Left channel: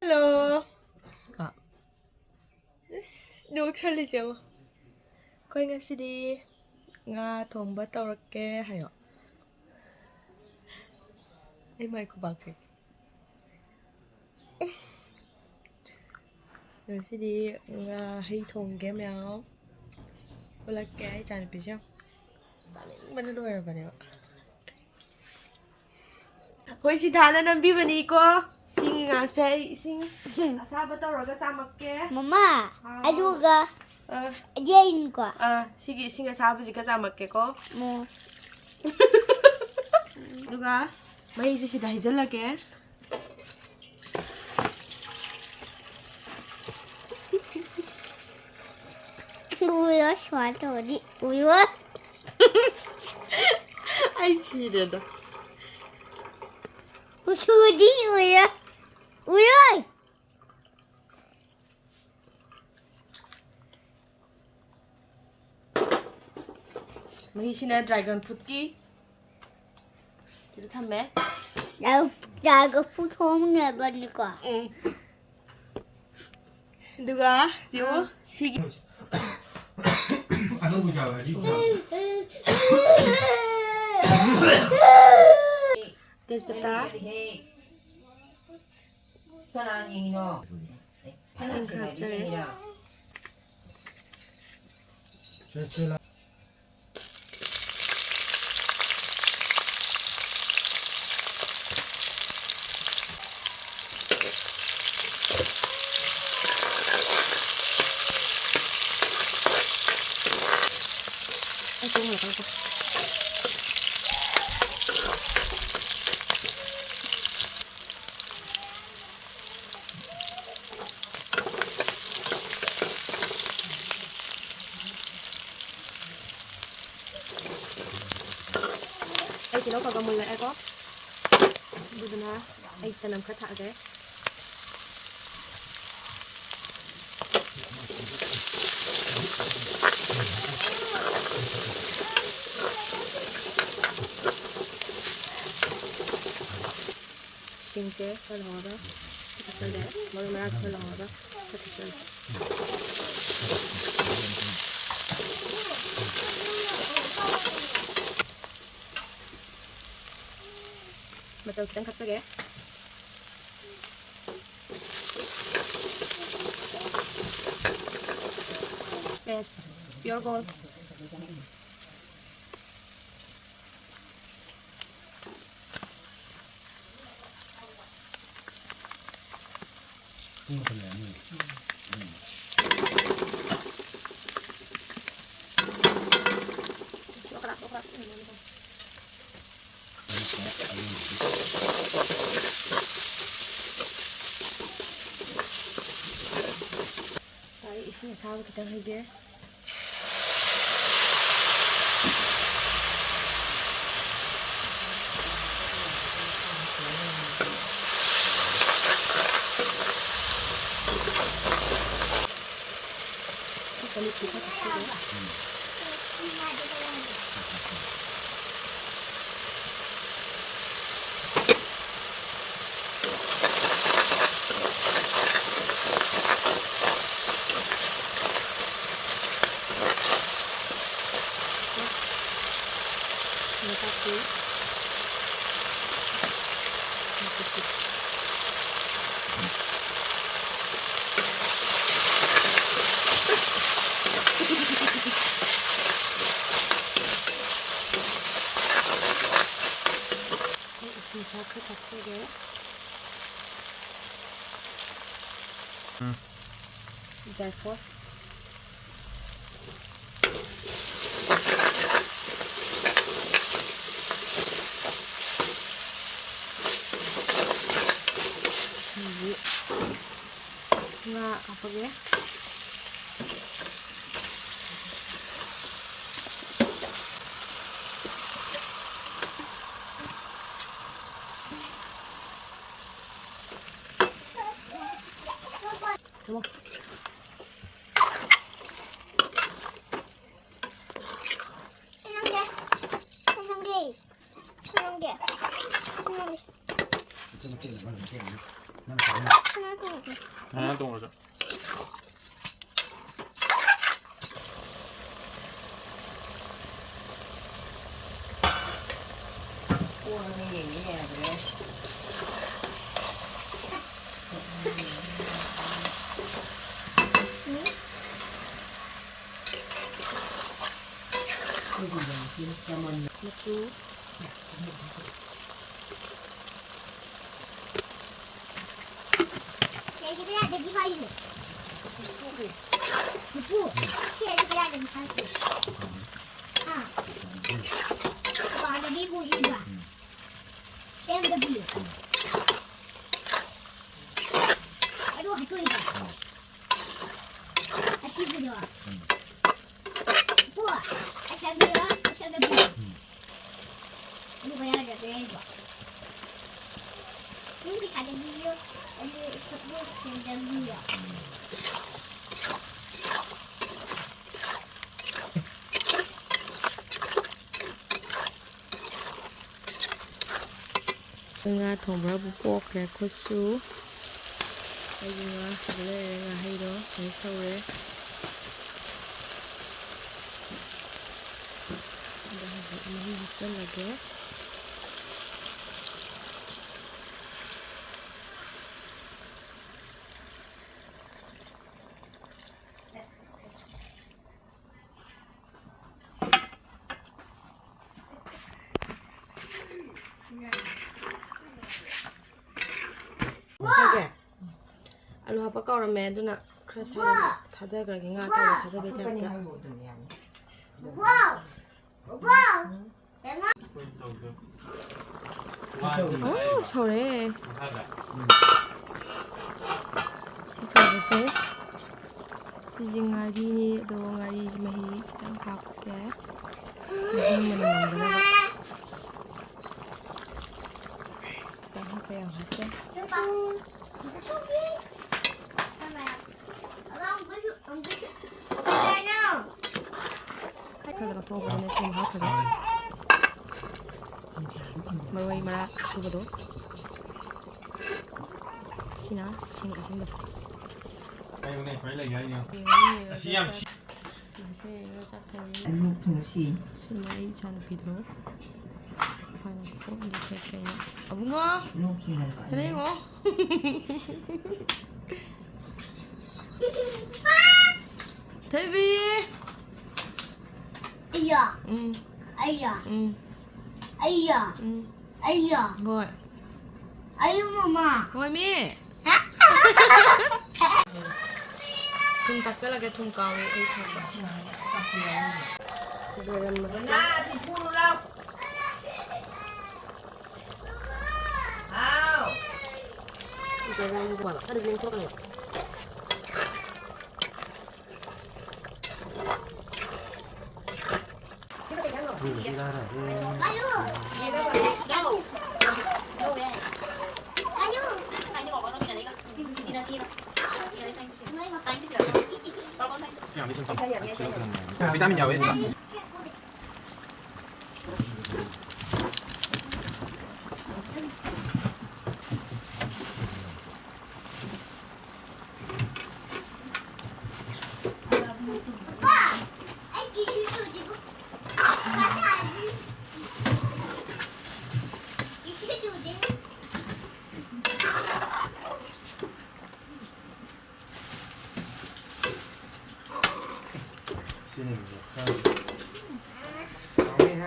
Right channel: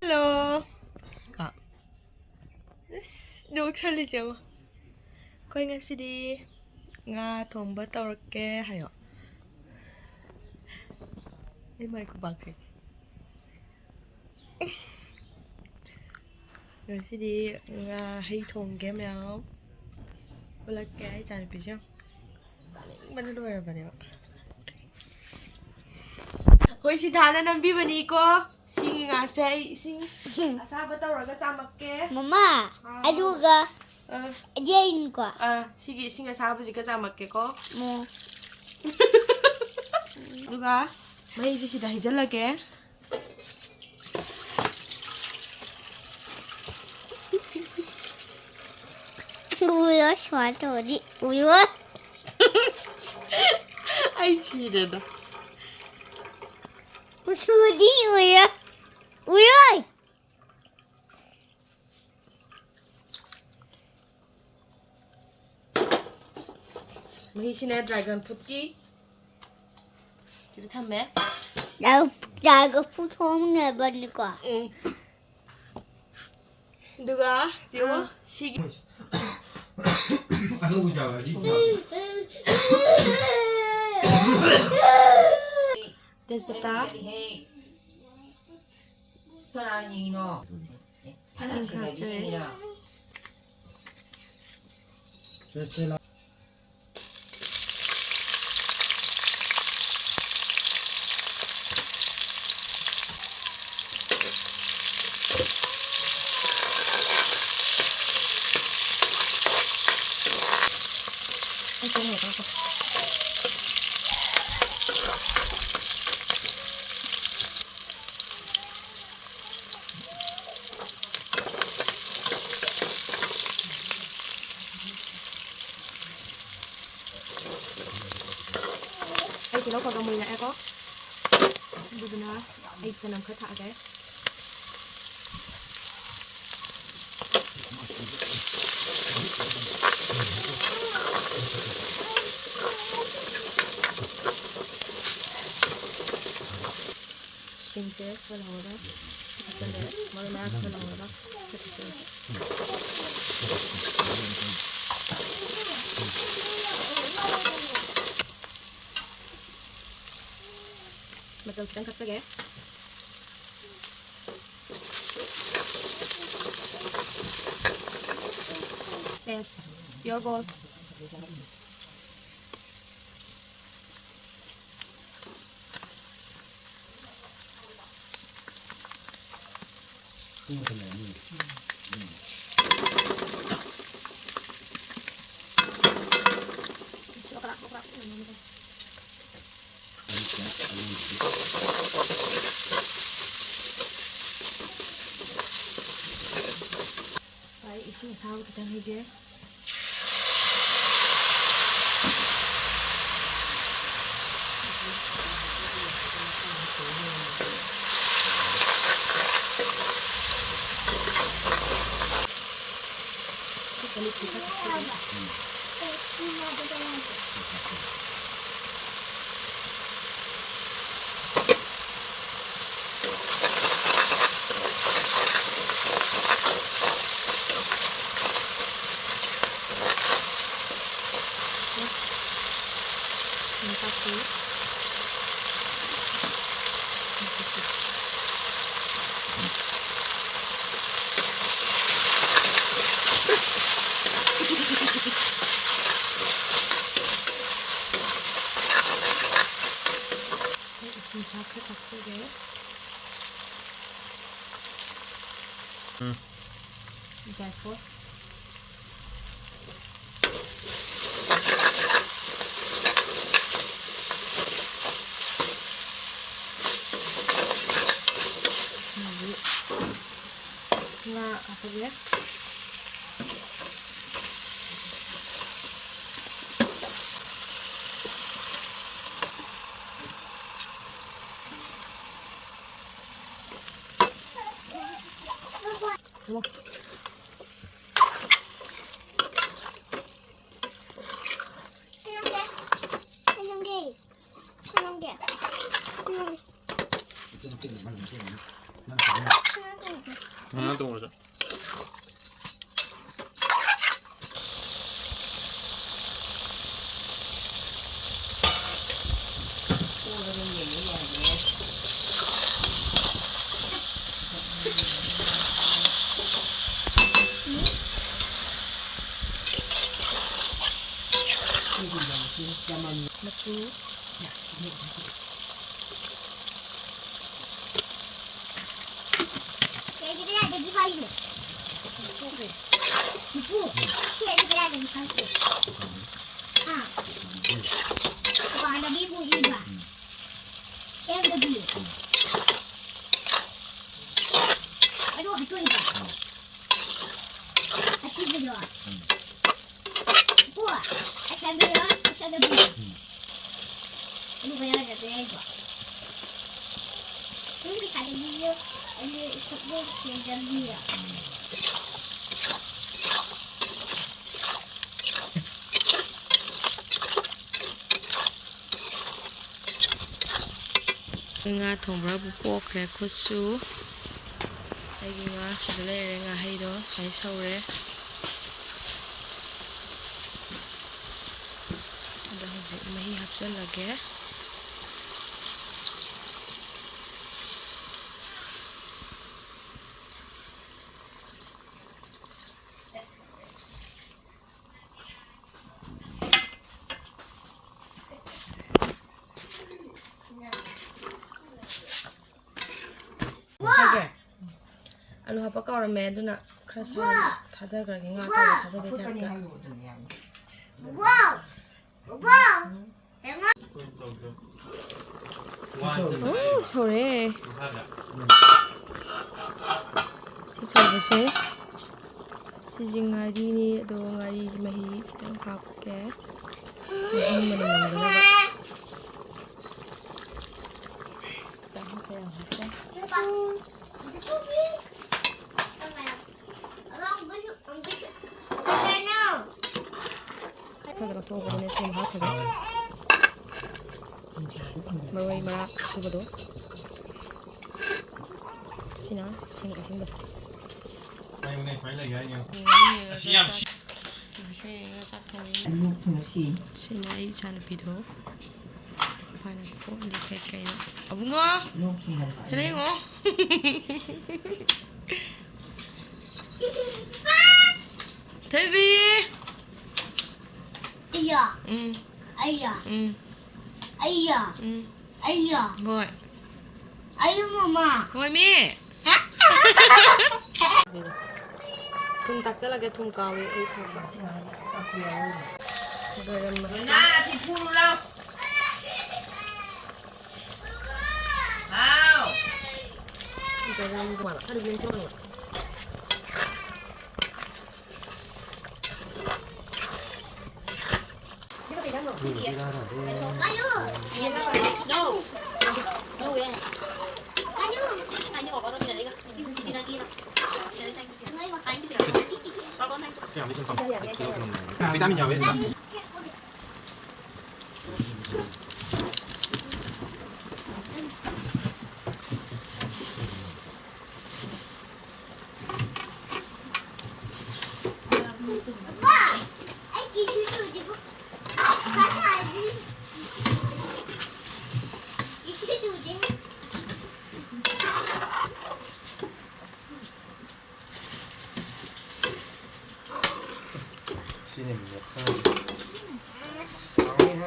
Hello. Được 살리죠. 거행아 CD nga Thongba 떠올게 하여. 이 마이크 방식. Rồi CD Ngahei Thong게 meow. 올라게 잘 비죠. bạn đuôi rồi bạn ạ. Hồi xin thà nên bi bên đi cô. Xin ngà xe xin. Sao bắt đầu rồi cái chăm mặc kia. Mama, aduga. Ajain ko. Sige xin sao bây giờ cái chăm mặc kia cô. Mo. 누가 많이 이제시다 해줄라게. 우유 좋아하죠 어디? 우유? 아이 지레다. 우리 우유. 우유. 마이시네 드래곤 푸기. 이거 탐매? 나가 보통 내버리고. 응. 누가? 이거 시기. 아는 자가지. 됐다. 선아니노 파란색이야. Ai nó còn mười lại có. Đi bên đó. Ai cho nằm cái thả cái. Xin chế cho lò đó. Cho đấy. Mọi người cho lò đó. Mà tôi đang cắt cái đấy. Yes, your goal. Đấy, xin sao thì cần hay ghê. Jaipur. Nah, apa dia? Tunggu. 게. 하나 더 먹자. 오늘은 얘기해야지. 맛도 얘들아, 여기 봐 있네. 얘들아, 여기 봐 있네. 아. 와, 여기 보이지 마. 여기. 아이고, 이쪽이다. 다시 들어. 우와, 잘 들어. 잘 들어. 이거 뭐야, 이거. 여기 가는 길이요. 여기 그거 굉장히요. Nga thongba bu pokre khotsu ai nga sidle re nga hai do sai saure da hoje mahi hapsan lage 하게 알로 하빠 까오라메 누나 그래서 다들 그렇게 nga 까오 다들 베테 할게 와우! 와우! 오 서래 시서버세 시징아리니 도 ngari mahi kitang hapke mahi manamangdana ba kaya hapke 그래서 도구는 지금 하거든. 머리 마라 수고도. 시나 신가 힘들. Đây này phải là gái nhau. 시암 시. Lúc thùng xì. 시나 이 잔을 비도. 파나고 리페케요. 아붕어. Lúc thì là 잘해요. 데뷔. 아야, 응. 아야, 응. 아야, 응. 아야, 뭐야? 아유, 엄마. 뭐미? 그럼 닭살하게 통가위 이 통가. 이거는 뭐? Na chị phu lâu. Nào. 이거는 뭐? 하루 종일 좀. 아유, 그냥 미션 좀 들어. 비타민이야 왜? 애기 주소 어디고? 가져야지. 이 시계도 어디? 신입니다. 2하